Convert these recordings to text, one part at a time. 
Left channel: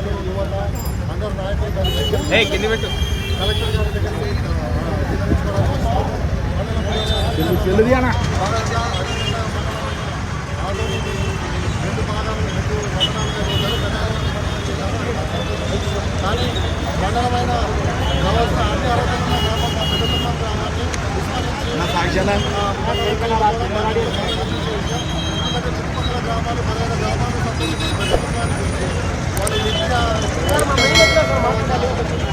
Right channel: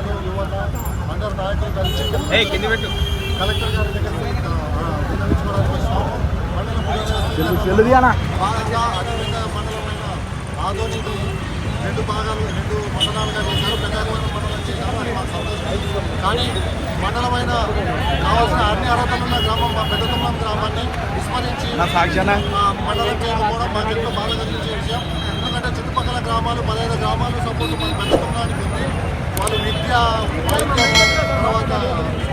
మహిళలు యువత అందరు నాయకులు కలిసి ఇక్కడికి ఏ కింది పెట్టు. కలెక్టర్ గారి దగ్గరికి ఆ, విన్నవించుకోవడానికి వచ్చినాం మండల భాగంగా అదేవిధంగా మండలమైన ఆదోనిని రెండు భాగాలు రెండు మండలాలుగా చేశారు. ప్రజాగరణ మండలం చేశారు. అది మాకు సంతోషం. కానీ మండలమైన కావాల్సిన అన్ని అర్హతలు ఉన్న గ్రామం మా పెద్దతుమ్మం గ్రామాన్ని విస్మరించి మండలం చేయకపోవడం మాకు ఎంతో బాధ కలిగించే విషయం. ఎందుకంటే చుట్టుపక్కల గ్రామాలు పదిహేను గ్రామాలు సపోర్ట్ మన పెద్దతుమ్మానికి ఉంది. వాళ్ళు విద్య వైద్యం తర్వాత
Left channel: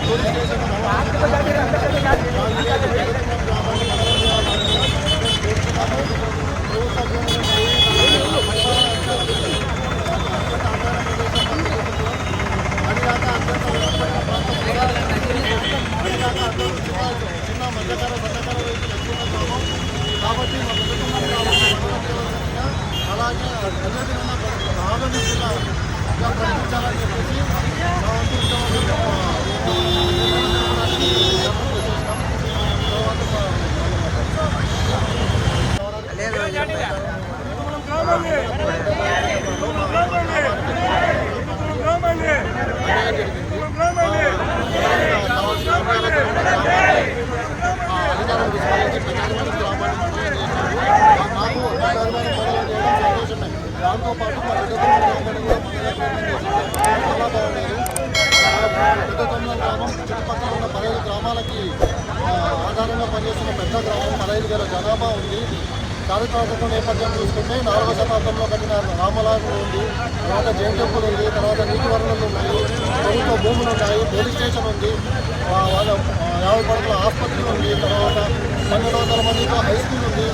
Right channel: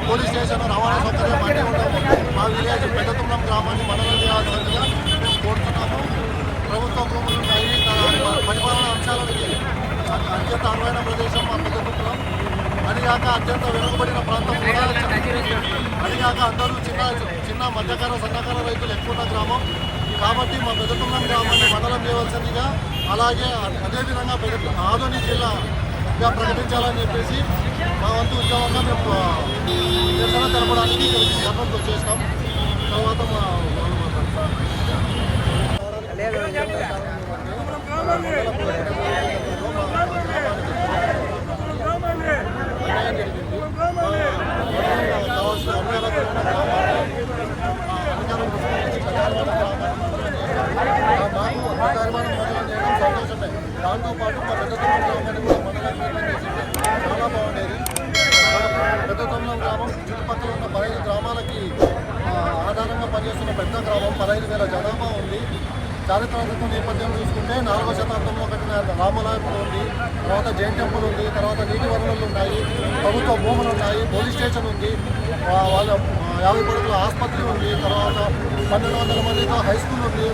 పోలీస్ స్టేషన్ రవాణా సౌకర్యం అన్నీ ఉండవు మా విలేజ్ పెద్దతుమ్మం గ్రామాన్ని మండలం చేయాల్సిందిగా మేము కోరుతున్నాము. ప్రభుత్వ భూములు ఉన్నాయి. తర్వాత పరిపాలన అంశాలు అత్యంత అనువైన ప్రదేశం మా పెద్దతుమ్మలం అదిగాక అత్యంత వెనుకబడిన ప్రాంతం కూడా అదిగాక అందరూ చిన్న చిన్న మధ్యకాల సన్నకాల రైతులు ఎక్కువ ఉన్న గ్రామం. కాబట్టి మా పెద్దతుమ్మం గ్రామాన్ని మండలం చేయవలసిందిగా అలాగే అదేవిధంగా పెద్ద ఆదోని జిల్లాగా ప్రకటించాలని చెప్పేసి మా వంతు ఉద్యోగంగా మేము నిరసన తెలపడానికి ధర్మంకి వచ్చేసినాం తర్వాత మా అన్యాయం జరిగింది కావాల్సిన గ్రామాన్ని ఆ అధికారులు విస్మరించి పెద్దారివాడ గ్రామాన్ని మండలం చేశారు ఆ మాకు పెద్దారివాడ మండలం చేయడం సంతోషమే దాంతోపాటు మా పెద్దతమ్మ గ్రామాన్ని కూడా మండలం చేయడం చేసింది. చాలా బాగుండేది. పెద్ద పెద్దతమ్మ గ్రామం చుట్టుపక్కల ఉన్న పదహైదు గ్రామాలకి ఆధారంగా పనిచేస్తున్న పెద్ద గ్రామం పదహైదు వేల జనాభా ఉంది. చారిత్రాత్మక నేపథ్యం చూసుకుంటే నాలుగవ శతాబ్దంలో కట్టిన రామలాయం ఉంది. తర్వాత జైన్ టెంపుల్ ఉంది. తర్వాత నీటి వనరులు ఉన్నాయి. ప్రభుత్వ భూములు ఉన్నాయి. పోలీస్ స్టేషన్ ఉంది. వాళ్ళ యాభై పడకల ఆసుపత్రి ఉంది. తర్వాత పన్నెండు వందల మందితో హై స్కూల్ ఉంది.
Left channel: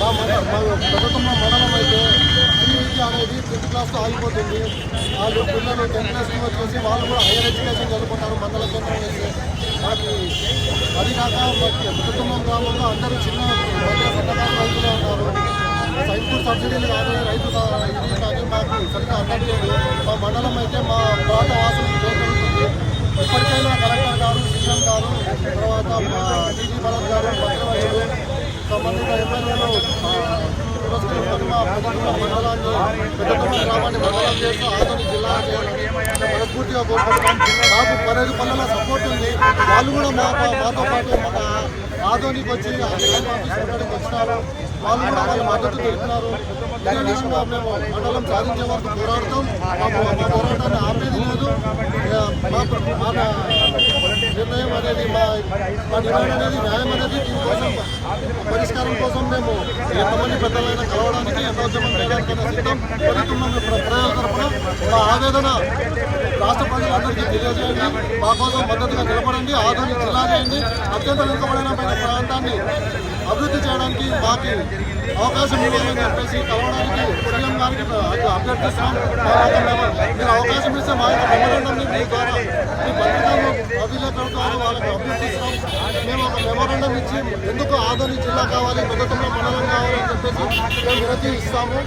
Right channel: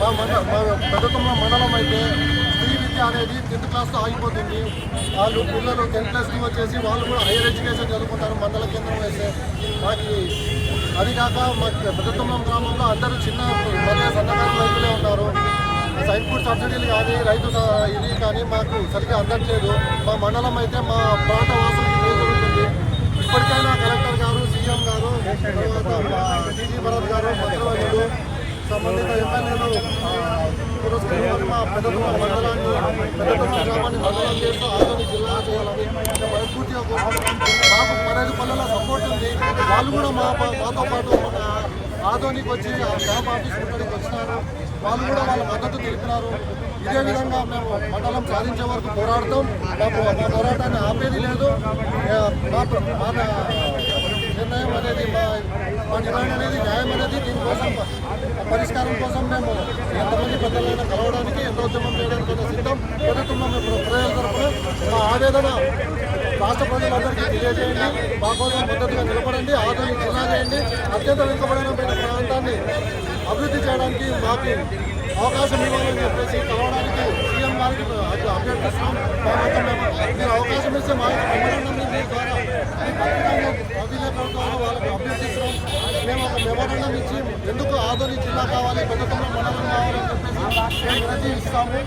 మా మండ మా పెద్దతుమ్మ మండలం అయితే అనేది టెన్త్ క్లాస్తో ఆగిపోతుంది. వాళ్ళు పిల్లలు టెన్త్ క్లాస్కి వచ్చేసి వాళ్ళు కూడా హైయర్ ఎడ్యుకేషన్ చదువుకుంటారు మండల కేంద్రం వేస్తే. మాకు అది కాక మా పెద్దతుమ్మం గ్రామంలో అందరూ చిన్న మధ్య సన్నకారు రైతులే ఉన్నారు. సైన్పూర్ సబ్సిడీలు కానీ రైతు ఇది కానీ మాకు సరిగ్గా అందట్లేదు. మా మండలం అయితే మా ప్రాంత వాసులకు ఏం జరుగుతుంది. ఇప్పటికైనా కలెక్టర్ గారు సీఎం గారు తర్వాత మా టీజీ భరత్ గారు మంత్రివర్యులు సంబంధిత ఎమ్మెల్యేలు పురస్కరించుకొని మా పెద్దతుమ్మ మండలాన్ని పెద్దతుమ్మ గ్రామాన్ని మండలం చేస్తూ ఆదోని జిల్లా చేయాలని మనస్ఫూర్తిగా కోరుకుంటున్నాం మాకు పదహైదు పల్లెల సపోర్ట్ ఉంది. వాళ్ళు కూడా మా మాతో పాటు మన ఆదోనికి వచ్చి ఆ ఆఫీస్ ఉండడానికి వచ్చినారు. వాళ్ళు కూడా వాళ్ళ మద్దతు తెలిపినారు. ఇదే విధంగా మేము మండలం సాధించే వరకు పోరాడతాం. మాకు మా పోరాటాన్ని ఆపేది లేదు. మా మా నిర్ణయం అనేది మా మా డిమాండ్ అనేది న్యాయం అనేది దీనికోసం పరిష్కారం కోసం మేము ఎంతమంది పెద్దలైనా కలవడానికి ఎంత ఉద్యమం చేయడానికైనా సిద్ధం. ప్రభుత్వంలో మేము ప్రజల తరపున మా ఆవేదన రాష్ట్ర ప్రజలందరికీ తెలియజేయండి. మా కోసం మద్దతుగా నిలబడండి. ఆధునిక జిల్లా చేయండి. అత్యంత వెనుకబడిన ప్రాంతాన్ని అభివృద్ధి చేయడానికి మాకు అవకాశం ఇవ్వాలని చెప్పేసి కలవడానికి గారికి అభ్య- అభ్యర్థిస్తున్నాం మా యొక్క మెమ- మీరు అవకాశం ఇస్తే మా యొక్క మెమోరాండంని మీ ద్వారా మీ పత్రికలను అభిలేఖల ద్వారా వాళ్ళకి అభ్యర్థిస్తున్నాం మేము ఒక మెమోరాండం ఇచ్చి ఎందుకు ఆదోని జిల్లా కావాలి పెద్దతంలో మండలం కావాలని చెప్పేసి మేము వినతి ఇస్తాము.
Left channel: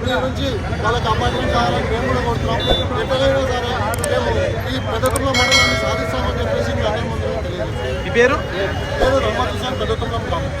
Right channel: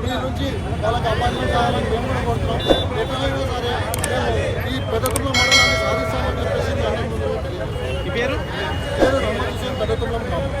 మీ నుంచి వాళ్ళకి అపాయింట్మెంట్ కావాలని మేము కూడా కోరుతున్నాం. ఎట్లయినా సరే మేము ఈ పెద్దతంలో మండలాన్ని సాధిస్తామని చెప్పేసి మీ అందరి ముందు మీ పేరు? పేరు రమ్మకిషన్ పెద్దతంలో గ్రామం.